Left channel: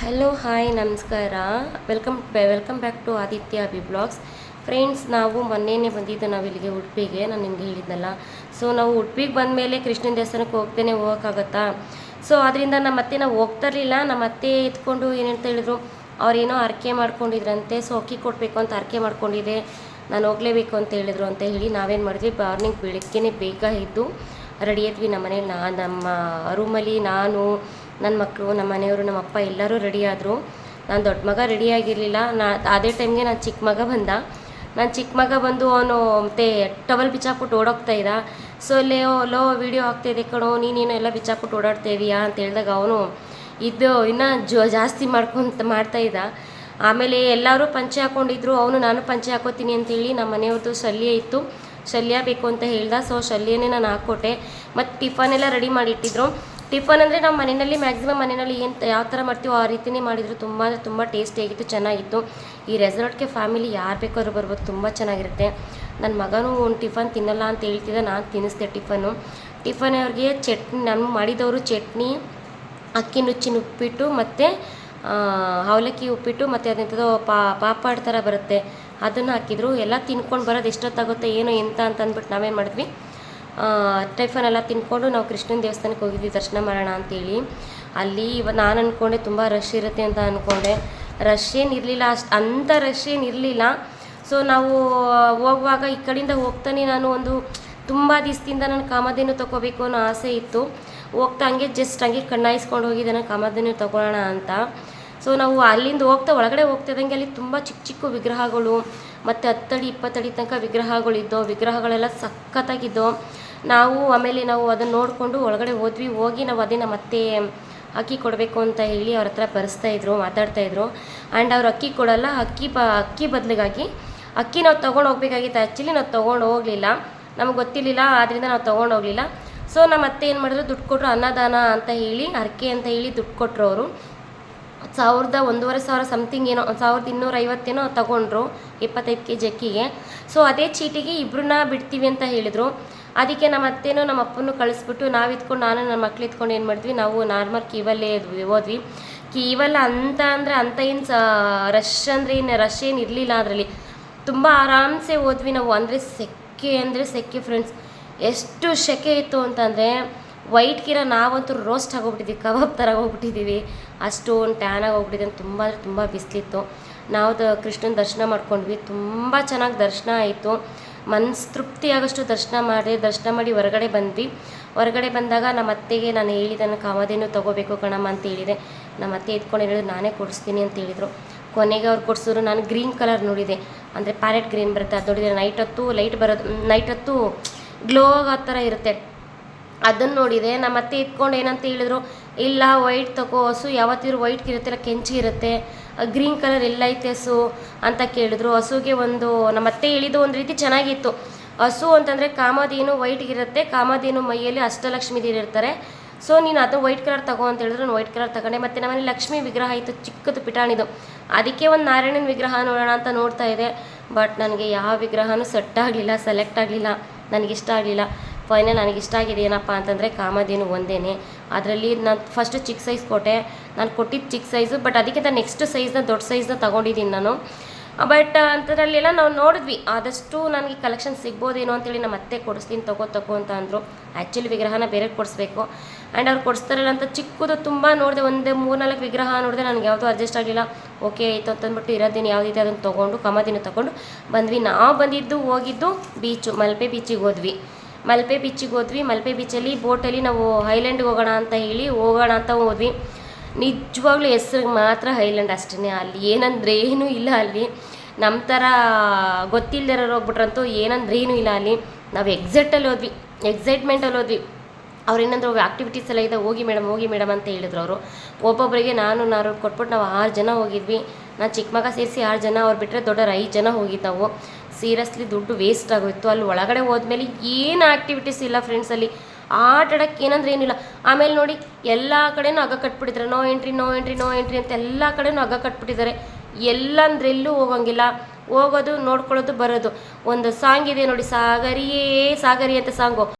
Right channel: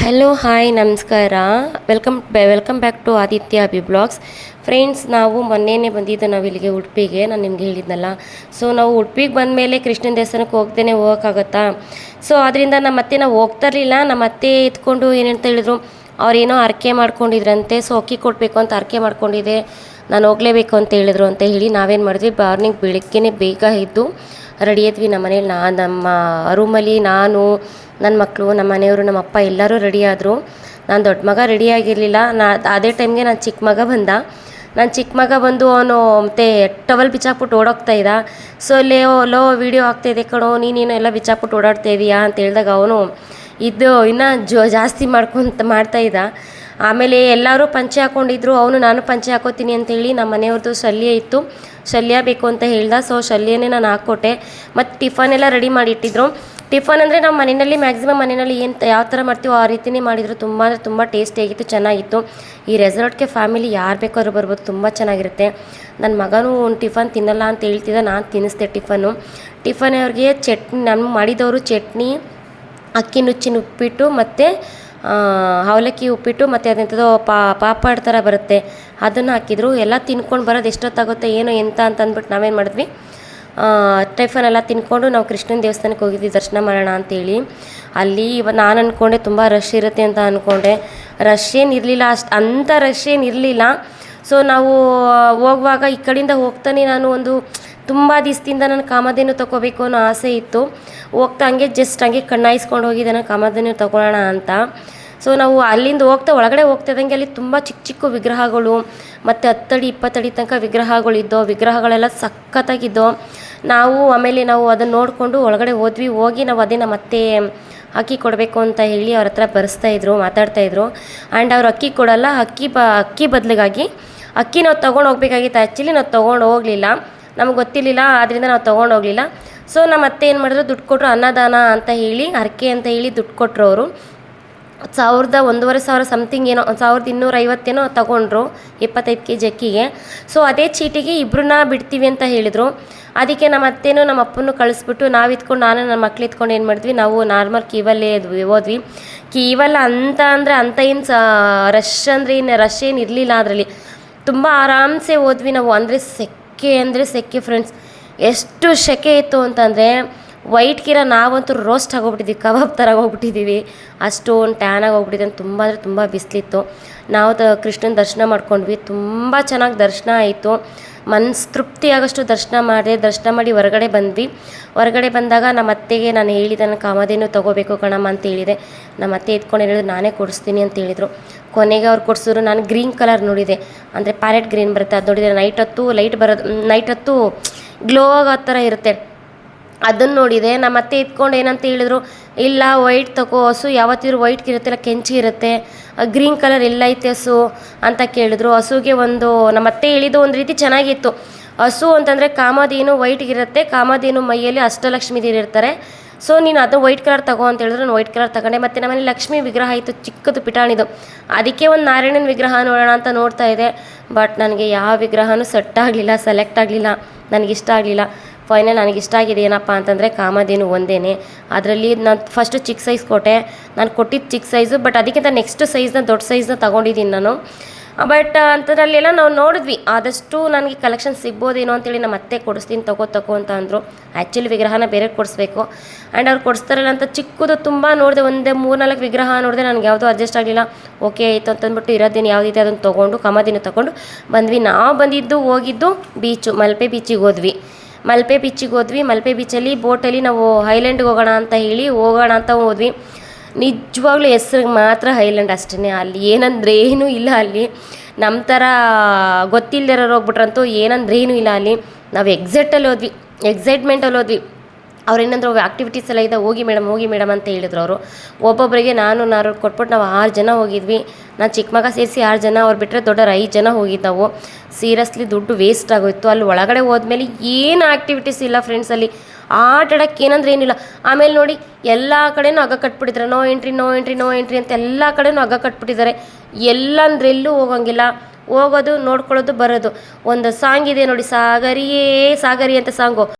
Hello hi ನಮಸ್ಕಾರ. Welcome back to Aditya Abhi vlogs. Friends, ನಾವು ಮೊನ್ನೆನೇ ಬಂದಿದ್ದು ನಾವು ಇಲ್ಲಿಗೆ ಉಡುಪಿಗೆ. ನಾನು ನಿಮಗೆ ಹೇಳಿದ್ನಲ್ಲ. ಸೊ ನಾವು ಉಡುಪಿಗೆ ಬಂದ ಮೇಲೆ ಕೃಷ್ಣನ ದೇವಸ್ಥಾನಕ್ಕೆ ಹೋಗ್ತೇನೆ ಹೋಗೋಕ್ಕಾಗತ್ತಾ? ಸೊ ಅದರಿಂದ ನಮ್ಮ ಅತ್ತೆ ನಾವು ಹೋಗ್ತಾ ಇರಲಿಲ್ಲ. ನಮ್ಮ ಅತ್ತೆ ಎತ್ಕೊಂಡು ಏನಂತ ಹೇಳಿದ್ರು, ಅವ್ರೇನೋ ಅರಕೆ ಮಾಡ್ಕೊಂಡಿದ್ರಂತೆ. ಸೊ ಅಕ್ಕಿ ಕೊಡಬೇಕು ಅಂತ ಅರಕೆ ಮಾಡ್ಕೊಂಡಿದ್ದೆ, ನಾನು ಹೋಗಲೇಬೇಕು ಅಂತ ಹೇಳಿದ್ರು ಅಂತ ಹೇಳಿ ನಾವೇನು ಮಾಡಿದ್ವಿ, ಮಾರ್ನಿಂಗ್ ಬೆಳಗ್ಗೆನೇ ಬೇಗ ಇದ್ದು ರೆಡಿ ಆದ್ವಿ. ನಮ್ಮ ಮನೇಲಿ ನಮ್ಮ ರೂಮಲ್ಲಿ ನಾನು, ನನ್ನ ಮಕ್ಕಳು, ನಮ್ಮ ಮನೆಯವರು, ನಮ್ಮ ಅಪ್ಪ ಎಲ್ಲರೂ ರೆಡಿ ಆದರು. ನಾನು ದೊಡ್ಡ ಮಗ ರೆಡಿ ಆಗಿರಲಿಲ್ಲ. ಅದೇ ಟೈಮ್ಗೆ ನನ್ನ ಚಿಕ್ಕ ಮಗ ಬಂದ. ನನ್ನ ಚಿಕ್ಕ ಮಗ ಬಂದು ಅವನು ಮತ್ತೆ ಟವಲ್ ಬಿಚ್ಚಾಕ್ಬಿಟ್ಟು ಓಡೋಗ್ತಾ ಇದ್ದ. ಸೊ ಲೋ ವೀಡಿಯೋ ಆಗ್ತಾಯಿದೆ ಕಣೋ, ನೀನೇನು ಎಲ್ಲ ಬಿಚ್ಚಾಕ್ಬಿಟ್ಟು ಓಡಾಡ್ತಾ ಇದೀಯಾ ಅಂತ ಹೇಳಿದಾಗ ಅವನು ಇದು ಇನ್ನೂ ಜಾಸ್ತಿ ಮಾಡ್ತಾಯಿದ್ದ. ಆಮೇಲೆ ಎಲ್ಲರೂ ಪಂಚೆ ಹಾಕ್ಕೊಂಡಿದ್ರು. ನಾನು ಪಂಚೆ ಹಾಕೋತೀನಿ ಅಂತೇಳಿ ನಮ್ಮ ಮನೆಯವ್ರದ್ದು ಶಲ್ಯ ಇತ್ತು, ಶಲ್ಯ ಬೇಕು ಅಂತ ಹೇಳ್ದ. ಸೊ ಶಲ್ಯನೇ ನಾನು ಹಾಕ್ಕೊಟ್ಟೆ. ಮತ್ತು ಟಿಫನ್ ಎಲ್ಲ ರೆಡಿ ಮಾಡಿಟ್ಟಿದ್ರು. ಟಿಫನ್ ಅಂದರೆ ನಾವು ಮನೆಯಲ್ಲಿ ಮ್ಯಾಕ್ಸಿಮಮ್ ಮನೆಯಲ್ಲಿ ಯಾವ ಥರ ಮಾಡ್ತೀವೋ ಆ ರೀತಿಯೇ ಮಾಡಿದರು. ತುಂಬ ಅಂದರೆ ತುಂಬ ಟೇಸ್ಟಿಯಾಗಿತ್ತು, ಚೆನ್ನಾಗಿತ್ತು. ಈ ರೆಸಾರ್ಟ್ಗೆ ಫ್ಯಾಮಿಲಿ ಯಾರು ಬೇಕಾದ್ರೂ ಬರ್ಬೋದು, ತುಂಬ ಚೆನ್ನಾಗಿರುತ್ತೆ. ನನ್ನ ಮಗನೂ ಒಂದು ಟಿಫನ್ ತಿನ್ನಲ್ಲ ಅಂತ ಹೇಳ್ತಿದ್ದ, ನಾನು ತಿನ್ನಿಸ್ದೆ ಟಿಫನ್ ಅವ್ರಿಗೆ ಚಟ್ನಿ, ನಾನು ಮಾಡಿದವರು ಚಟ್ನಿ, ಅಕ್ಕಿ ನುಚ್ಚಿನ ಉಪ್ಪಿಟ್ಟು ಮತ್ತು ಅವಲಕ್ಕಿ ಉಪ್ಪಿಟ್ಟು ಮತ್ತು ಅದೆಂಥದ್ದು ಪಾಪಡ್ ಥರ ಬರುತ್ತೆ, ಅದನ್ನು ಹಾಕಿದ್ರು. ಎಲ್ಲ ತಿನ್ಕೊಂಡು ಬರೋದು ಎಷ್ಟೊತ್ತಾಗುತ್ತೆ ಏನೋ ಎಂತ ಅಂತ ಅಂದ್ಬಿಟ್ಟು ನಾವೇನು ಮಾಡಿದ್ವಿ, ಟಿಫನ್ ಎಲ್ಲ ತಿನ್ಕೊಂಡು ನಾವು ಕೃಷ್ಣನ ದೇವಸ್ಥಾನಕ್ಕೆ ಹೋಗಿದ್ವಿ ದರ್ಶನ ಮಾಡೋಣ ಅಂತೇಳಿ. ಅಲ್ಲಿ ನಾನು ಅಂದ್ಕೊಂಡೆ ತುಂಬ ರಶ್ ಇರುತ್ತೆ ಅಂತ ಅಂದ್ಕೊಂಡೆ. ರಶ್ ಏನು ಇರಲಿಲ್ಲ, ಅಂಥ ರಶ್ ಏನು ಇರಲಿಲ್ಲ. ಸೊ ನಾವು ಹೋಗುವಾಗ ಈ ಕಡೆಯಿಂದ ಹೋಗ್ತಾನೆ ನಾನು ತುಂಬ ದಿವಸದಿಂದ ನಾನು ಕಾಮಧೇನು ತೊಗೋಬೇಕು ಅನ್ನೋ ಆಸೆ ಇತ್ತು. ಹೋಗ್ತಾ ಹಂಗೆ ಜಸ್ಟ್ ಹಂಗೆ ಕಣ್ಣಾಯಿಸ್ಕೊಂಡು ಹೋಗಿದ್ದೆ ನಾನು ಕಾಮಧೇನು ತೊಗೊಳ್ಳೋಣ ಅಂತ. ಸೊ ನಾವು ಅಲ್ಲಿಂದ ಒಳಗಡೆ ಹೋಗ್ತಿದ್ದಂಗೆ ಅಲ್ಲಿ ತುಂಬ ಚಿಕ್ಕ ಚಿಕ್ಕ ವಿಗ್ರಹಗಳು ಮತ್ತು 10 ಅಡಿ 20 ಅಡಿ ತನಕ ವಿಗ್ರಹಗಳಿದ್ದೋ, ವಿಗ್ರಹಗಳೆಲ್ಲ ಸಖತ್ತಾಗಿದ್ದೋ. ಆಮೇಲೆ ನಾವು ಅದನ್ನು ನೋಡಿಕೊಂಡು ಒಳಗಡೆ ಹೋಗಿ ನಾವು ಅದೇ ನಮ್ಮ ಅತ್ತೆ ಅಕ್ಕಿ ಕೊಡಬೇಕು ಅಂತ ಹೇಳಿ ಅವ್ರ ಹತ್ರ ಮಾತಾಡ್ತಾಯಿದ್ರು. ಆ್ಯಂಡ್ ಅವ್ರು ಅಕ್ಕಿ ಕೊಡಲ್ಲ, ಅಕ್ಕಿ ಬದಲಿಗಾಗಿ ಅಕ್ಕಿ ನಾವು ತೊಗೊಂಡು ಹೋಗ್ಬೇಕಾಗಿತ್ತು. ಆ್ಯಕ್ಚುಲಿ ನಾವು ತೊಗೊಂಡು ಹೋಗಲಿಲ್ಲ, ನಮ್ಗೆ ಗೊತ್ತಿರಲಿಲ್ಲ, ಆದ್ದರಿಂದ ನಾವು ತೊಗೊಂಡು ಹೋಗಲಿಲ್ಲ. ಸೊ ನಮ್ಮ ಅತ್ತೆ ಏನು ಮಾಡಿದ್ರು, ದುಡ್ಡು ಕೊಟ್ಟರು, ಅನ್ನದಾನ ಅಂತ ಹೇಳಿ, ಹರಕೆ ಅಂತ ಹೇಳಿ ದುಡ್ಡು ಕೊಟ್ಟರು ಅವರು. 1,500 ಸಮಥಿಂಗ್ ಏನೋ, 1,250 ತೊಗೊಂಡ್ರು 25 kg ಅಕ್ಕಿಗೆ. ಸೊ ಅದೇ ಚೀಟಿಗೆ ಇಬ್ಬರನ್ನ ಬಿಡ್ತೀವಿ ಅಂತ ಹೇಳಿದರು. ಅದಕ್ಕೆ ನಮ್ಮ ಅತ್ತೆನೂ ನಮ್ಮ ಅಪ್ಪನೂ ಕಳಿಸ್ಬಿಟ್ಟು ನಾನು ನನ್ನ ಮಕ್ಳು ಇತ್ಕೊಂಡು ಏನು ಮಾಡಿದ್ವಿ, ನಾವು ನಾರ್ಮಲ್ ಕ್ಯೂವಲ್ಲೇ ಹೋದ್ವಿ. ಕ್ಯೂವಲ್ಲ ಅಂತ ಏನು ರಶ್ ಏನು ಇರಲಿಲ್ಲ. ಅದರಲ್ಲಿ ತುಂಬ ಆರಾಮ್ಸೆ ಹೋದ್ವಿ ನಾವು. ಸೆಕೆ ಫ್ರೆಂಡ್ಸ್, ಎಷ್ಟು ಸೆಕೆ ಇತ್ತು ಅಂತಂದರೆ ವೈಟ್ಗಿರೋ ನಾವಂತೂ ರೋಸ್ಟ್ ಆಗೋಗ್ಬಿಟ್ಟಿದ್ವಿ, ಕಬಾಬ್ ಥರ ಹೋಗ್ಬಿಟ್ಟಿದ್ದೀವಿ. ಅಷ್ಟೊಂದು ಟ್ಯಾನ್ ಆಗೋಗ್ಬಿಟ್ಟಿದೆ. ತುಂಬ ಅಂದರೆ ತುಂಬ ಬಿಸಿಲಿತ್ತು. ನಾವು ಕೃಷ್ಣನ ದರ್ಶನ ಮಾಡ್ಕೊಂಡ್ವಿ, ತುಂಬ ಚೆನ್ನಾಗಿ ದರ್ಶನ ಆಯಿತು. ಮನಸ್ಸು ತೃಪ್ತಿಯಾಗಷ್ಟು ದರ್ಶನ ಮಾಡಿ ಹೊರಗಡೆ ಬಂದ್ವಿ. ಹೊರಗಡೆ ಬಂದಾಗ ನಮ್ಮ ಅತ್ತೆಗೆ ನಾನು ಹೇಳಿದೆ, ನಾನು ಕಾಮಧೇನು ತೊಗೋಬೇಕು ಕಣಮ್ಮ ಅಂತ ಹೇಳಿದೆ. ನಮ್ಮ ಅತ್ತೆ ಎತ್ಕೊಂಡು ಹೇಳಿದ್ರು, ನಾನೇ ಕೊಡಿಸ್ತೀನಿ ಅಂತ ಹೇಳಿದರು. ಕೊನೆಗೆ ಅವ್ರು ಕೊಡಿಸಿದ್ರು. ನಾನು ಗ್ರೀನ್ ಕಲರ್ ನೋಡಿದೆ, ಅಂದರೆ ಪ್ಯಾರೆಟ್ ಗ್ರೀನ್ ಬರುತ್ತೆ, ಅದು ನೋಡಿದರೆ ನೈಟ್ ಹೊತ್ತು ಗ್ಲೋ ಆಗೋ ಥರ ಇರುತ್ತೆ, ಅದನ್ನು ನೋಡಿದೆ. ನಮ್ಮ ಅತ್ತೆ ಎತ್ಕೊಂಡು ಏನಂತ ಹೇಳಿದ್ರು, ಇಲ್ಲ ವೈಟ್ ತಗೋ, ಹಸು ಯಾವತ್ತಿದ್ರು ವೈಟ್ಗೆ ಇರುತ್ತೆ, ಇಲ್ಲ ಕೆಂಚಿಗಿರುತ್ತೆ, ಗ್ರೀನ್ ಕಲರ್ ಎಲ್ಲೈತೆ ಹಸು ಅಂತ ಕೇಳಿದ್ರು. ಹಸುಗೆ ನಮ್ಮ ಅತ್ತೆ ಹೇಳಿದ್ದು ಒಂದು ರೀತಿ ಚೆನ್ನಾಗಿತ್ತು. ಹಸು ಅಂತಂದರೆ ಕಾಮಧೇನು ವೈಟ್ಗಿರುತ್ತೆ, ಕಾಮಧೇನು ಮೈಯಲ್ಲಿ ಅಷ್ಟಲಕ್ಷ್ಮಿ ದೇವಿ ಇರ್ತಾರೆ. ಸೊ ನೀನು ಅದು ವೈಟ್ ಕಲರ್ ತಗೋ ಅಂತ ಹೇಳಿದ್ರು. ನಾನು ವೈಟ್ ಕಲರ್ ತಗೊಂಡೆ. ಮತ್ತು ನಮ್ಮಲ್ಲಿ ಲಕ್ಷ್ಮಿ ವಿಗ್ರಹ ಇತ್ತು, ಚಿಕ್ಕದು ಪಿಟಾಣಿದು. ಅದಕ್ಕೆ ಒಂದು ನಾರಾಯಣನ ವಿಗ್ರಹ ನೋಡೋಣ ಅಂತ ನೋಡ್ತಾ ಇದ್ದೆ. ಬಟ್ ನನಗೆ ಯಾವ ವಿಗ್ರಹನೂ ಸೆಲೆಕ್ಟ್ ಆಗಲಿಲ್ಲ, ನನಗಿಷ್ಟ ಆಗಲಿಲ್ಲ. ಫೈನಲ್ ನನಗಿಷ್ಟ ಆಗಿದೆ ಏನಪ್ಪ ಅಂತಂದರೆ ಕಾಮಧೇನು ಒಂದೇ. ಅದರಲ್ಲಿ ನಾನು ಫಸ್ಟು ಚಿಕ್ಕ ಸೈಜ್ ಕೊಟ್ಟೆ, ನಾನು ಕೊಟ್ಟಿದ್ದು ಚಿಕ್ಕ ಸೈಜು. ಬಟ್ ಅದಕ್ಕಿಂತ ನೆಕ್ಸ್ಟ್ ಸೈಜ್ನ ದೊಡ್ಡ ಸೈಜ್ನ ತೊಗೊಂಡಿದ್ದೀನಿ ನಾನು. ಬಟ್ ಅಂಥದ್ರಲ್ಲೆಲ್ಲ ನಾವು ನೋಡಿದ್ವಿ, ಆದಷ್ಟು ನನಗೆ ಕಲೆಕ್ಷನ್ ಸಿಗ್ಬೋದೇನೋ ಅಂತೇಳಿ ನಮ್ಮ ಅತ್ತೆ ಕೊಡಿಸ್ತೀನಿ ತಗೋ ಅಂತ ಅಂದರು. ಆ್ಯಕ್ಚುಲಿ ವಿಗ್ರಹನ ಬೇರೆ ಕೊಡಿಸ್ಬೇಕು. ಆ್ಯಂಡ್ ಅವ್ರು ಕೊಡಿಸ್ತಾರಲ್ಲ ಅಂತ ಚಿಕ್ಕದು ತುಂಬ ನೋಡಿದೆ, 3-4 ವಿಗ್ರಹ ನೋಡಿದೆ. ನನಗೆ ಯಾವುದೂ ಅಡ್ಜಸ್ಟ್ ಆಗಲಿಲ್ಲ. ಓಕೆ ಆಯಿತು ಅಂತಂದ್ಬಿಟ್ಟು ಇರೋದೇನು ಯಾವುದೈತೆ ಅದನ್ನು ತೊಗೊಂಡು ಕಾಮಧೇನು ತೊಗೊಂಡು ಬಂದ್ವಿ. ನಾವು ಹೋಗಿದ್ದು ಬೀಚು, ಮಲ್ಪೆ ಬೀಚಿಗೆ ಹೋದ್ವಿ. ಮಲ್ಪೆ ಬೀಚಲ್ಲಿ ಬೋಟಲ್ಲಿ ನಾವು ಐಲ್ಯಾಂಡ್ಗೆ ಹೋಗೋಣ ಅಂತ ಹೋದ್ವಿ. ನಿಜವಾಗ್ಲೂ ಹೆಸ್ರಿಗೆ ಮಾತ್ರ ಐಲ್ಯಾಂಡ್ ಅಷ್ಟೇ. ಅಲ್ಲಿ ಏನಂದ್ರೇನೂ ಇಲ್ಲ. ಅಲ್ಲಿ ನಮ್ಮ ಥರ ಗೊತ್ತಿಲ್ಲದಿರೋರು ಹೋಗ್ಬಿಟ್ರಂತೂ ಏನಂದ್ರೇನೂ ಇಲ್ಲ. ಅಲ್ಲಿ ನಾವು ಎಕ್ಸೈಟ್ಮೆಂಟಲ್ಲಿ ಹೋದ್ವಿ. ಅವ್ರೇನಂದ್ರು ಆ್ಯಕ್ಟಿವಿಟೀಸ್ ಎಲ್ಲ ಇದೆ, ಹೋಗಿ ಮೇಡಮ್ ಅಂತ ಹೇಳಿದ್ರು ಅವರು. ಒಬ್ಬೊಬ್ಬರಿಗೆ ನಾನು ಕೊಟ್ಬಿಟ್ಟು ನಾವು 6 ಜನ ಹೋಗಿದ್ವಿ. ನಾನು ಚಿಕ್ಕ ಮಗ ಸೇರಿಸಿ 6 ಜನ, ಅವ್ರು ಬಿಟ್ಟರೆ ದೊಡ್ಡವ್ರು 5 ಜನ ಹೋಗಿದ್ದವು. ಸೀರಿಯಸ್ಲಿ ದುಡ್ಡು ವೇಸ್ಟ್ ಆಗೋಯ್ತು. ಅಲ್ಲಿ ಒಳಗಡೆ ಹೋದ್ಮೇಲೆ ಏನು ಆ್ಯಕ್ಟಿವಿಟೀಸ್ ಇಲ್ಲ ಫ್ರೆಂಡ್ಸ್. ಅಲ್ಲಿ ಆಟ ಆಡೋಕ್ಕೆ ಏನಂದ್ರೆ ಏನಿಲ್ಲ. ಆಮೇಲೆ ನೋಡಿ, ಎಲ್ಲ ಕಡೆನೂ ಹಗ್ಗ ಕಟ್ಬಿಟ್ಟಿದ್ದಾರೆ, ನೋ ಎಂಟ್ರಿ ಅಂತ ಎಲ್ಲ ಕಡೆನೂ ಹಗ್ಗ ಕಟ್ಬಿಟ್ಟಿದ್ದಾರೆ. ಎಲ್ಲಂದ್ರೆಲ್ಲೂ ಹೋಗೋಂಗಿಲ್ಲ, ಹೋಗೋದು ನೋಡ್ಕೊಳ್ಳೋದು ಬರೋದು. ಒಂದು ಸಾಂಗ್ ಇದೆ ನೋಡಿ, ಸಾಗರಿ ಅಂತ ಸಾಂಗು.